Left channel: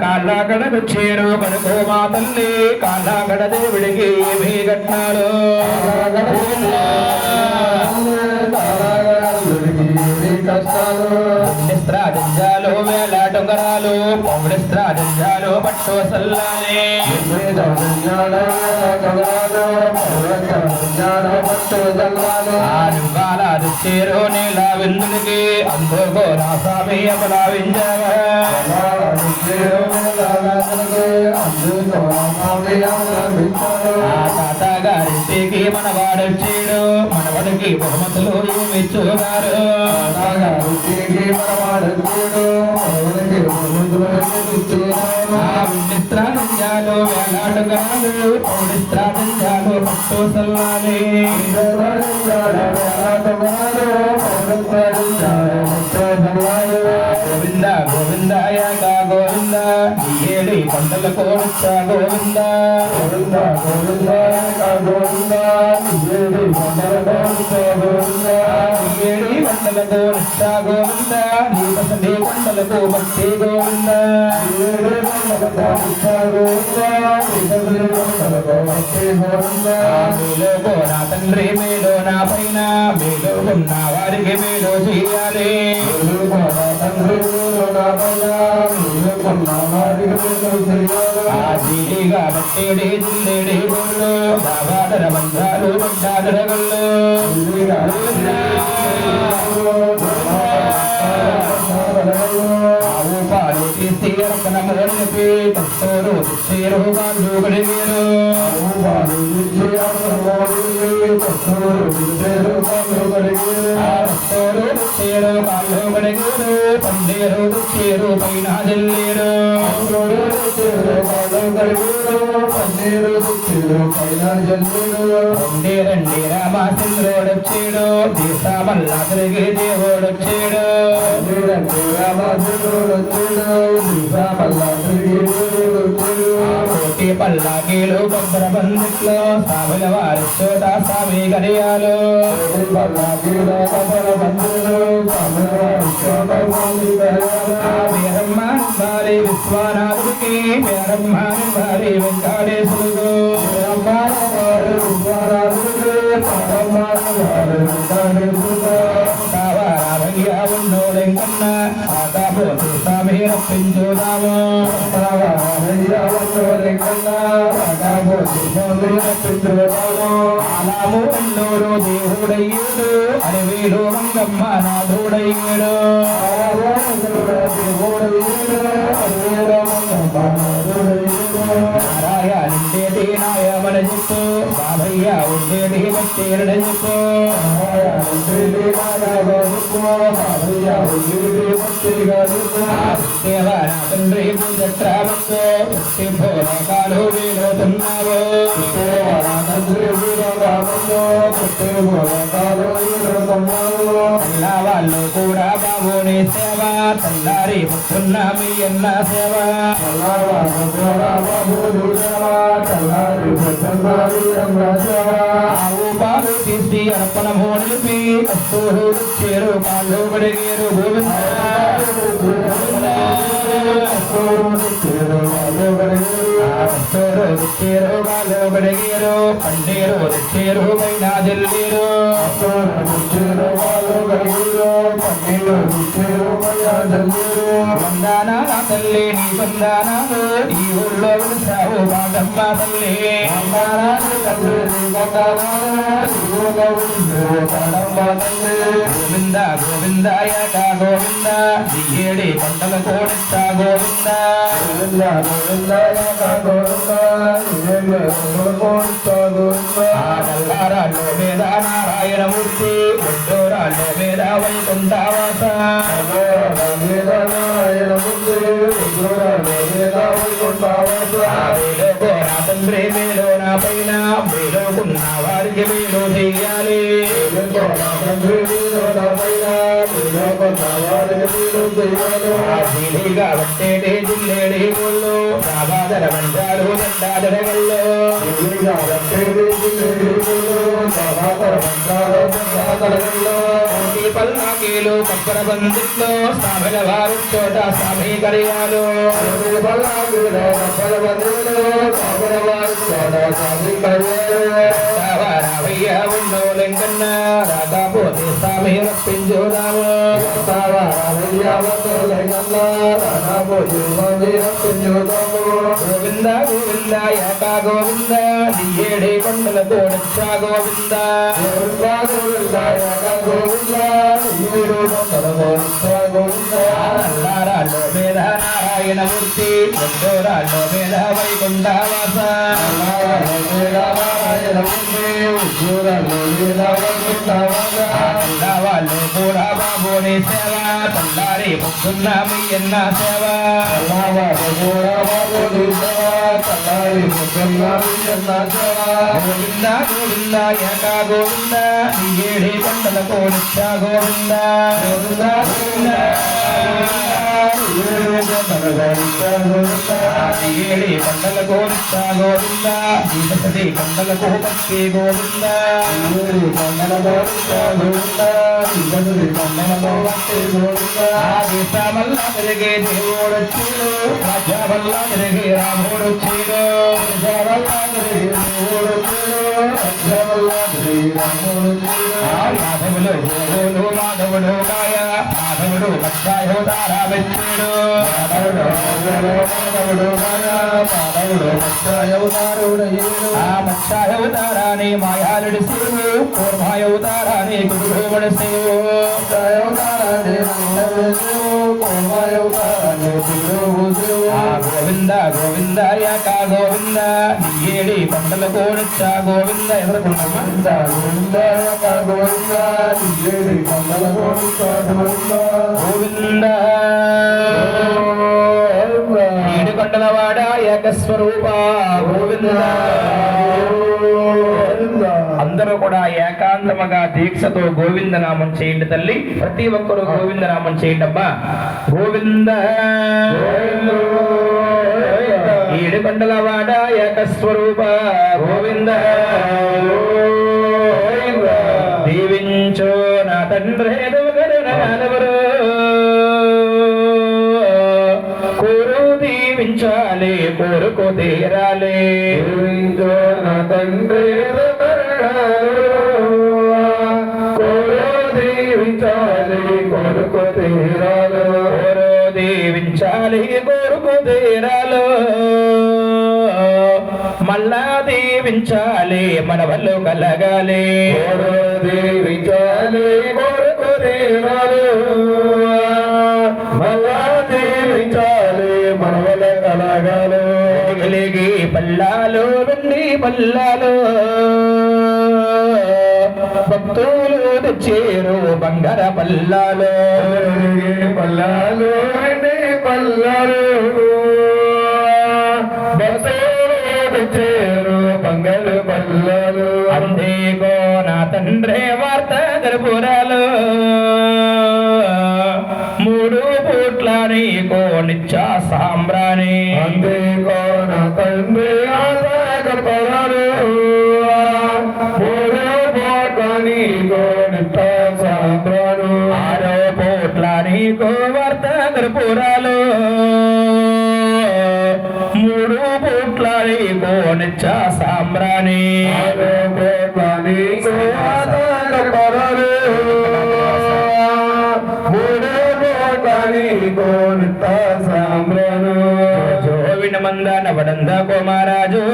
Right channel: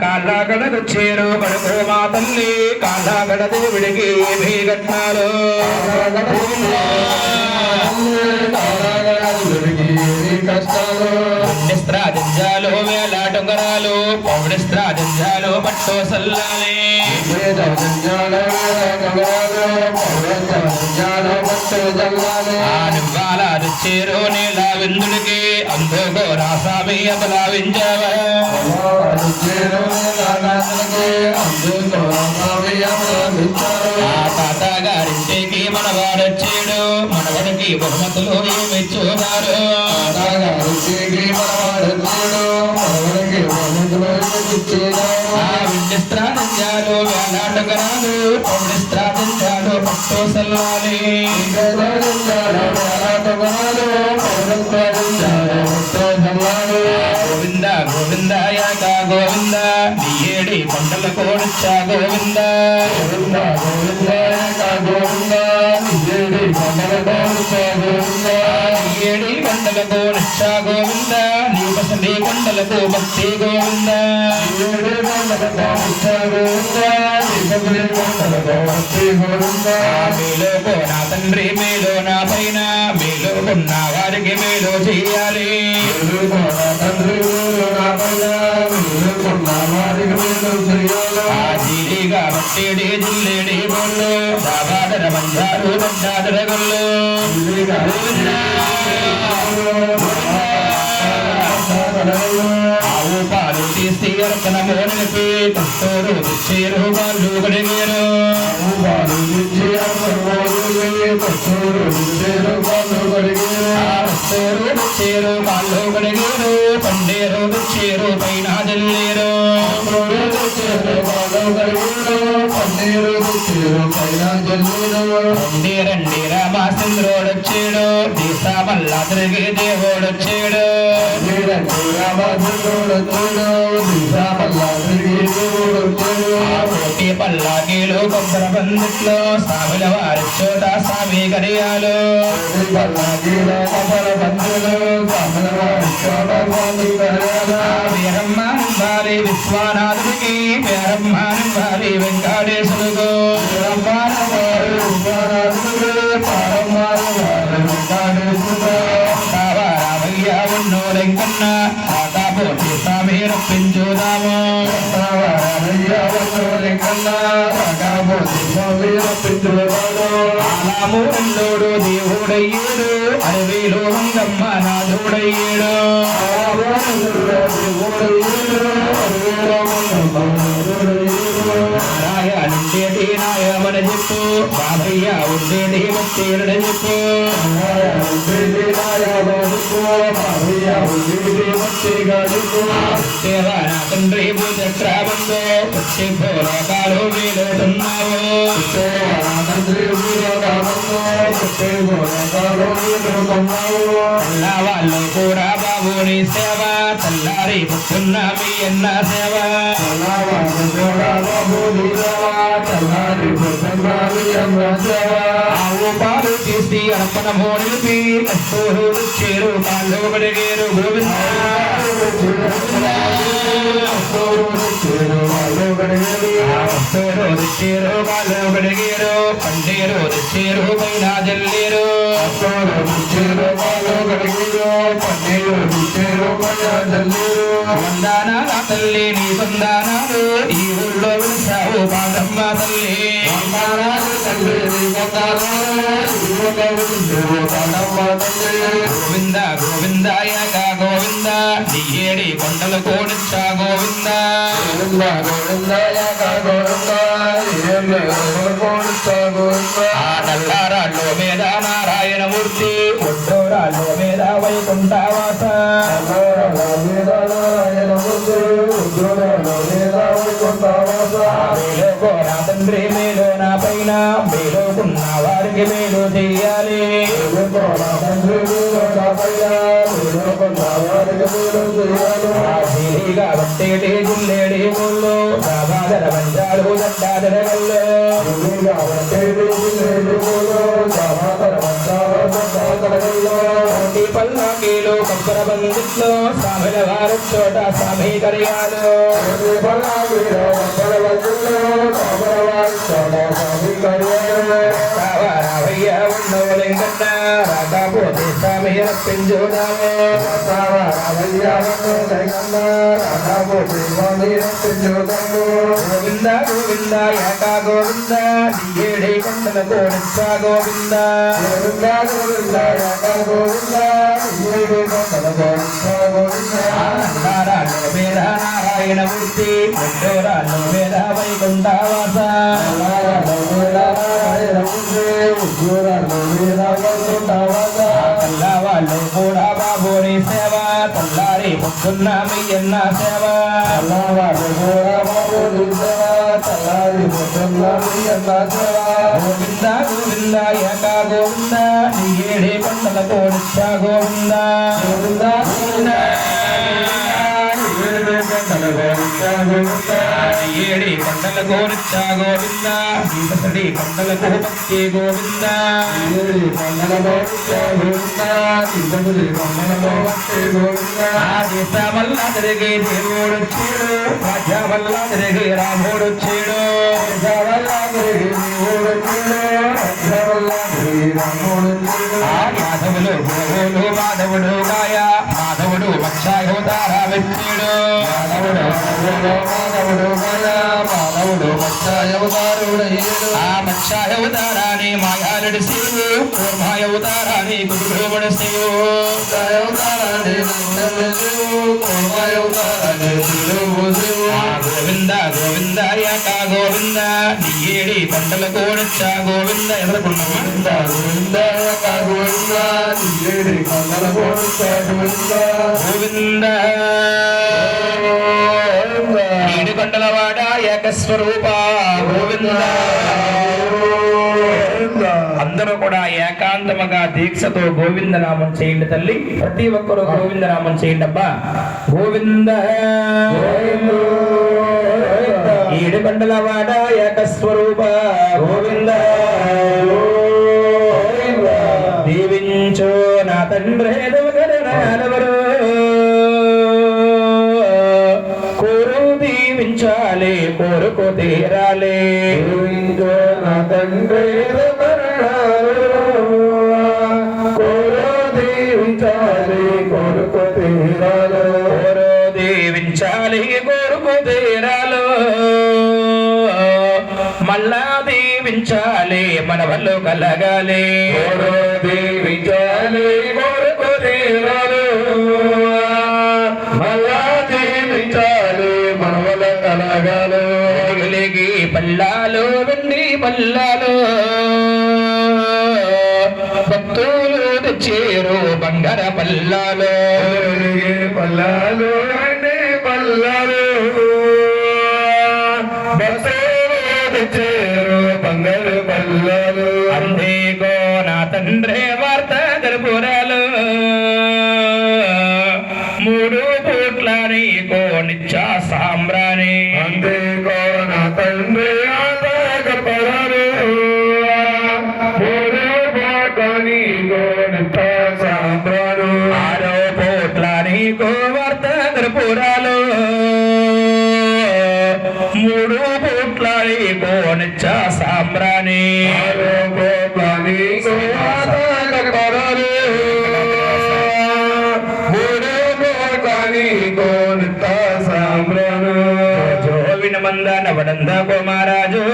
కాళ్ళగడొచ్చేరు కడుకో మా తల్లి కాళ్ళగడ దేవుడికి ఏమీ కట్టాలు పుణ్యస్త్రాదింజాలు వేలాటొంగరాలు పౌడిస్త్రాదింజాలు పట్టు సల్లానే ఆనుగాల రుచేరు నీలా విందుడికి అందుకో రాసామి అతలా వింజావ తాతగారింటికి మనవాడొచ్చాడు మనవడికి బహుమతులు ఏమిచ్చున్నారు విండిస్త్రాదింజాలు వేలాటగాలు పౌడిస్త్రాదింజాలు పట్టు సల్లాలి గోవింద గోవిందాయ గోవింద ఏడి పంటల కోరచ్చ గోవింద గోవింద గోవిందాయ గోవింద ఏడి పంటల కోరచ్చ గోవింద ఏడి పంటల కోరచ్చ గోవింద నీ కొండలకు భక్తి గోవింద ఏడి పంటల కోరచ్చ గోవింద మీలో కోరా తండ్రి మీలో నా పైన మీలో ఉన్న వారికి మీలో చేయాలి ఆదిగా బట్టేడి జిల్లేడి గొల్లు బాబాదర బంజారు బంజాదర గొల్లు ఆవు పాలు తీసి అర్పణ మోనిపి తత్తోరు చేరు వాళ్ళు గడిగేరు చేరు వాళ్ళు గడిగేరు పండేరు చేరు పైన జల్లేరు రండి రామచంద్రుడొచ్చాడు దీసా మల్లా తిరిగి దేవుడొచ్చాడు కోటి పల్లాకీలు కొందర బందిట్లో సాగుల వారి చోట సామి గడియాలు వీరమ్మానం వారి విశ్వనాథుడికి వీరమ్మానం వారి వెంకటేశ్వరుడు ఉన్నోలెంకన్న ఆకాపోటి స్వామి రప్పించుదాము ఆలాము ఉన్నోడు దేవుడయ్యేడు అడవిలో రంగమ్మ నాథుడయ్యేడు నారాయణుండేటి నాయమన చెప్పు బాబయ్య ఉండేటి వచ్చేరడ చెప్పు తండ్రి చక్రాబందో వచ్చి భోరకాలు వీలుతున్నావు వాళ్ళు కూడా బాబుని సేవ తల్లారి పుట్టున్న మీ అన్న సేవ ఆవు పాలు తీసి అర్పణ మోనిపి అస్తూరు చేరు కాళ్ళు గడిగేరు గోవింద చేరు కాళ్ళు గడిగేరు పండేరు చేరు పైన జల్లేరు వందానా తల్లి నీ సందానాలు ఈ ఊళ్ళో సావు బాగమ్మ తల్లి గోవింద గోవిందాయ గోవింద నీ ఏడి కొండల కోడచ్చ గోవింద నల్లారాళ్ళు మీద నారాయణమూర్తి ఉత్తరాళ్ళు మీద వైకుంఠవాస తండ్రి మీలో నా పైన మీలోటున్న వారికి మీరు చెయ్యాలి బట్టేటి జిల్లేడి ముళ్ళు బాబాదర బంజారు బండాదర మర్యాదో రాధాపోతే స్వామి రప్పించుదాము గోవింద గోవింద ఏకా గోవింద ఏడే కొండలతో రక్షా గోవింద గోవింద ఏకా గోవింద ఏడు కొండలతో రక్షా గోవింద నారాయణ వేద నారాయణ మూర్తి రాజు వేద వైకుంఠావాస నారాయణ వేద నారాయణ మూర్తి వాళ్ళు కూడా బాబోని సేవ తల్లారి ముక్కున్నామి ఎన్న సేవ గోవింద గోవింద ఏకా గోవింద ఏడే కొండలతో నిత్య గోవింద గోవింద గోవింద ఏడి కొండలకు నిత్య గోవింద ఈతడి కొండలకు భక్తి గోవింద కొండలలో నిత్య గోవింద ఈతడి కొండలలో భక్తి గోవింద దేశ వల్ల తిరిగే దేవుడు వచ్చాడు రాజ్య వల్ల తిరిగి రాముడు వచ్చాడు దేశ వల్ల తిరిగి దేవుడు వచ్చాడు రాజ్య వల్ల తిరిగి రాముడు మాధవులు గోవులు మాధవుడు మాయ మాధవుడు మత్స్యాయోధార వచ్చాడు మాధవుడు మాధవుడు మత్స్యాయోధారుడయ్యాడు ఆ మత్స్యాయోధారాన్ని మాయాలుడి శివుడు కూర్మాయోధారాన్ని గురువుడు శివుడు గోవింద గోవింద ఏకా గోవింద ఏడి పంటల కోడచ్చ గోవింద గోవింద గోవింద ఏకా గోవింద ఏడి పంటల కోడచ్చ గోవింద గోవింద ఏడి పంటల వాడ ఏకస్వరూప గోవింద. అందరూ కూడా ఏకాంతముగా దీక్షతో గోవింద నామం చేయండి తల్లి. ప్రతి ఒక్కరూ గోవింద నామం చేయండి అబ్బా. గోవింద ఏడు కొండల వాడ ఏకస్వరూప గోవింద. దీవించు నా తండ్రి కోరు దీవించాలి కోరుకో తీరాలి. నా తండ్రి దీవించాలి కోరుకు తీరాలు. మళ్ళా దీవించాలి మన వల్లు కలగాలి. దీవించాలి కోరుకు తీరాలు. మళ్ళా దీవించాలి మన వల్ల కలగాలి. వెలిగి పల్లాలు వెండి పల్లాలు భక్తులు తెచ్చేరు బంగార పల్లాలు. పల్లాలు వెండి పల్లాలు భక్తులు తెచ్చేరు బంగారు పల్లాలు. అందేకో నా తండ్రి వార్త గర్భురాలు. మూడు పూట్ల నీకో నిత్య సాంబ్రాణి. అందేకో నా తండ్రి గర్భురాలు. ఆరో పోట్ల నీకో వర్త గర్భురాలు. మూడు పూట్ల నీకో నిత్య సాంబ్రాణి. ఆరో పోట్ల నీకో గర్భురాలు. మూడు పోట్ల నీకో నిత్య సాంబ్రాణి. జో వినమంద నవడంద కుమారాజు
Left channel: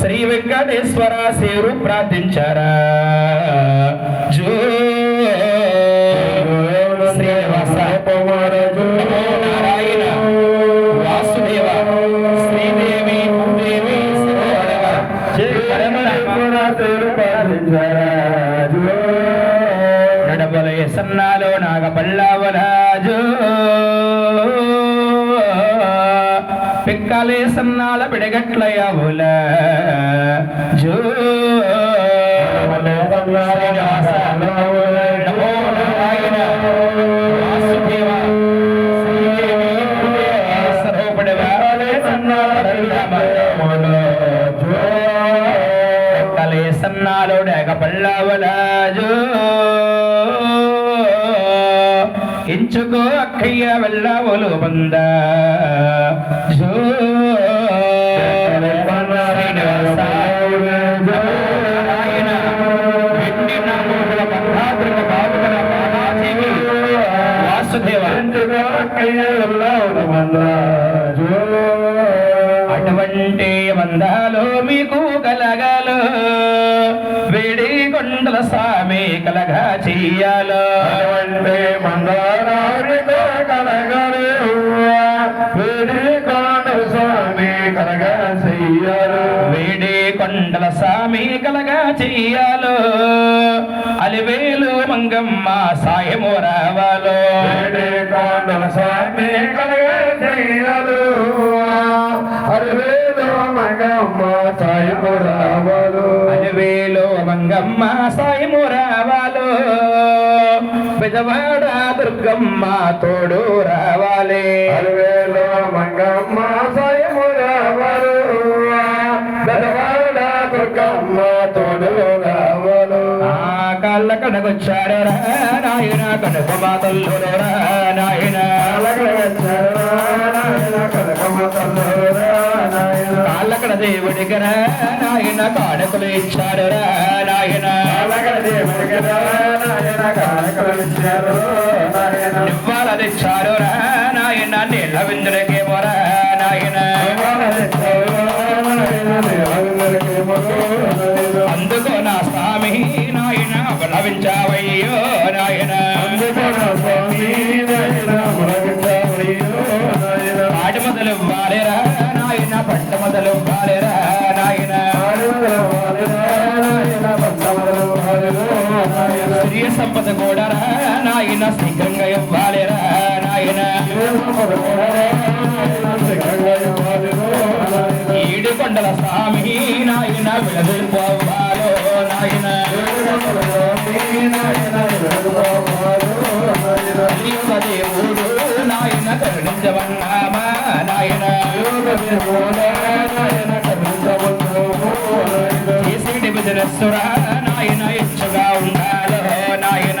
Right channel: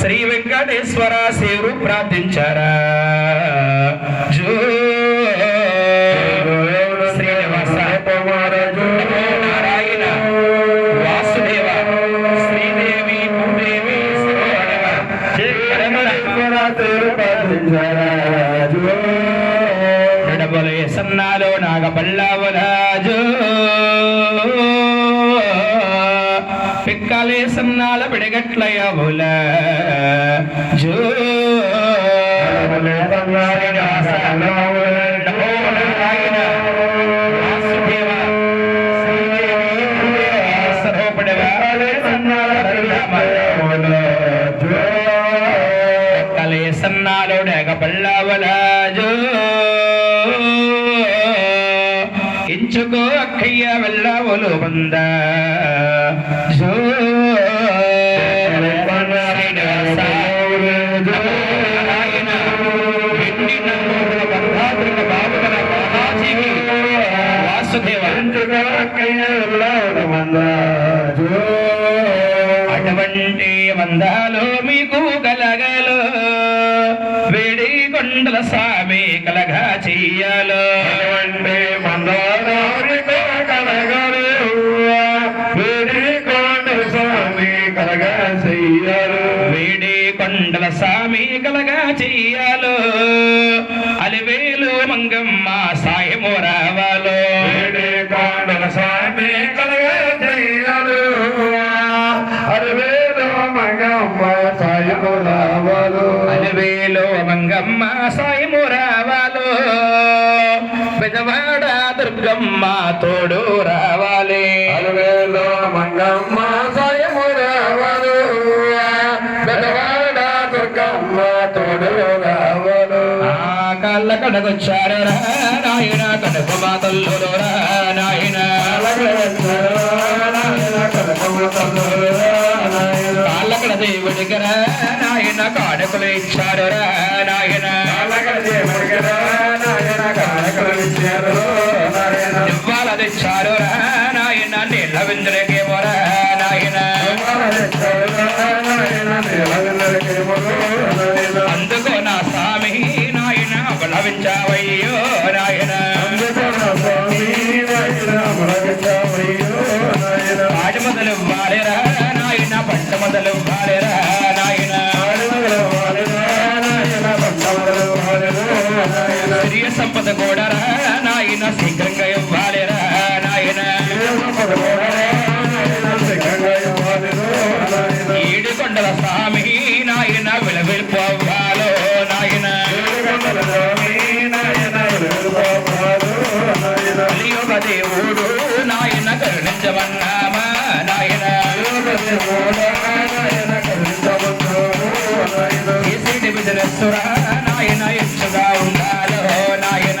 శ్రీ వెంకటేశ్వర సేరు ప్రార్థించారా. జో శ్రీనివాస నారాయణ వాసుదేవ శ్రీదేవి భూదేవి నడబలే సన్నాలో నాగపల్లావరాజు. పిక్కలే సన్నాల పిడగట్లయవుల జో సన్నాలో డేగ పల్లవల జో ఎంచుకో అక్కయ్య వెళ్ళవలు వంద జో అటువంటి బంధాలు మీకు కలగాలో వేడి కొండల స్వామి కలగా చెయ్యాలో అంటే మందారానికి కలగలు వేడి కొండల స్వామి కలగా చెయ్యాలు వేడి కొండల స్వామి కలగా చెయ్యాలో అలివేలు మంగమ్మ సాయము రావాలో వేడి కొండల స్వామి కలగా చెయ్యాలు అరవేలు మగమ్మ సాయము రావాలు అలివేలు మంగమ్మ సాయము రావాలో పెదవాడ దుర్గమ్మ తోడు రావాలి అరవేలు మంగమ్మ సాయము రావాలు పెదవాడ దుర్గమ్మ తోడు రావాలు కాళ్ళ కడకొచ్చారు రా నాయన కనుక మాతల్లు రా నాయన కాళ్ళ కడ దేవుడికి రా నాయన కానుకలు ఇచ్చారు రా నాయన నివ్వాలని ఇచ్చారు రా నాయన నీళ్ళ విందులకేమో రా నాయన అందుకో నా స్వామి నాయన బలవించావయ్యో నాయన ఆడి మొదలు వారేరా నాయన పంట మొదలు వారేరా నాయన స్త్రీ సంపద కూడా నాయన శీఘ్రంగా ఇవ్వాలేరా నాయన ఏడు కొండల స్వామి నాయన విలవిల్పోవాలో నాయన కలియుగ దేవుడు నాయన కరుణించమన్నామా నాయన విధులస్తురా నాయన ఇచ్చుగా ఉండాలో నాయన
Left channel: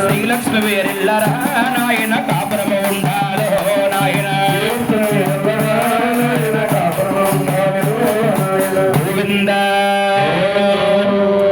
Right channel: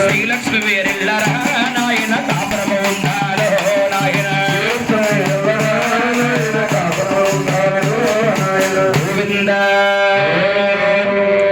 శ్రీలక్ష్మి వేరిల్లరా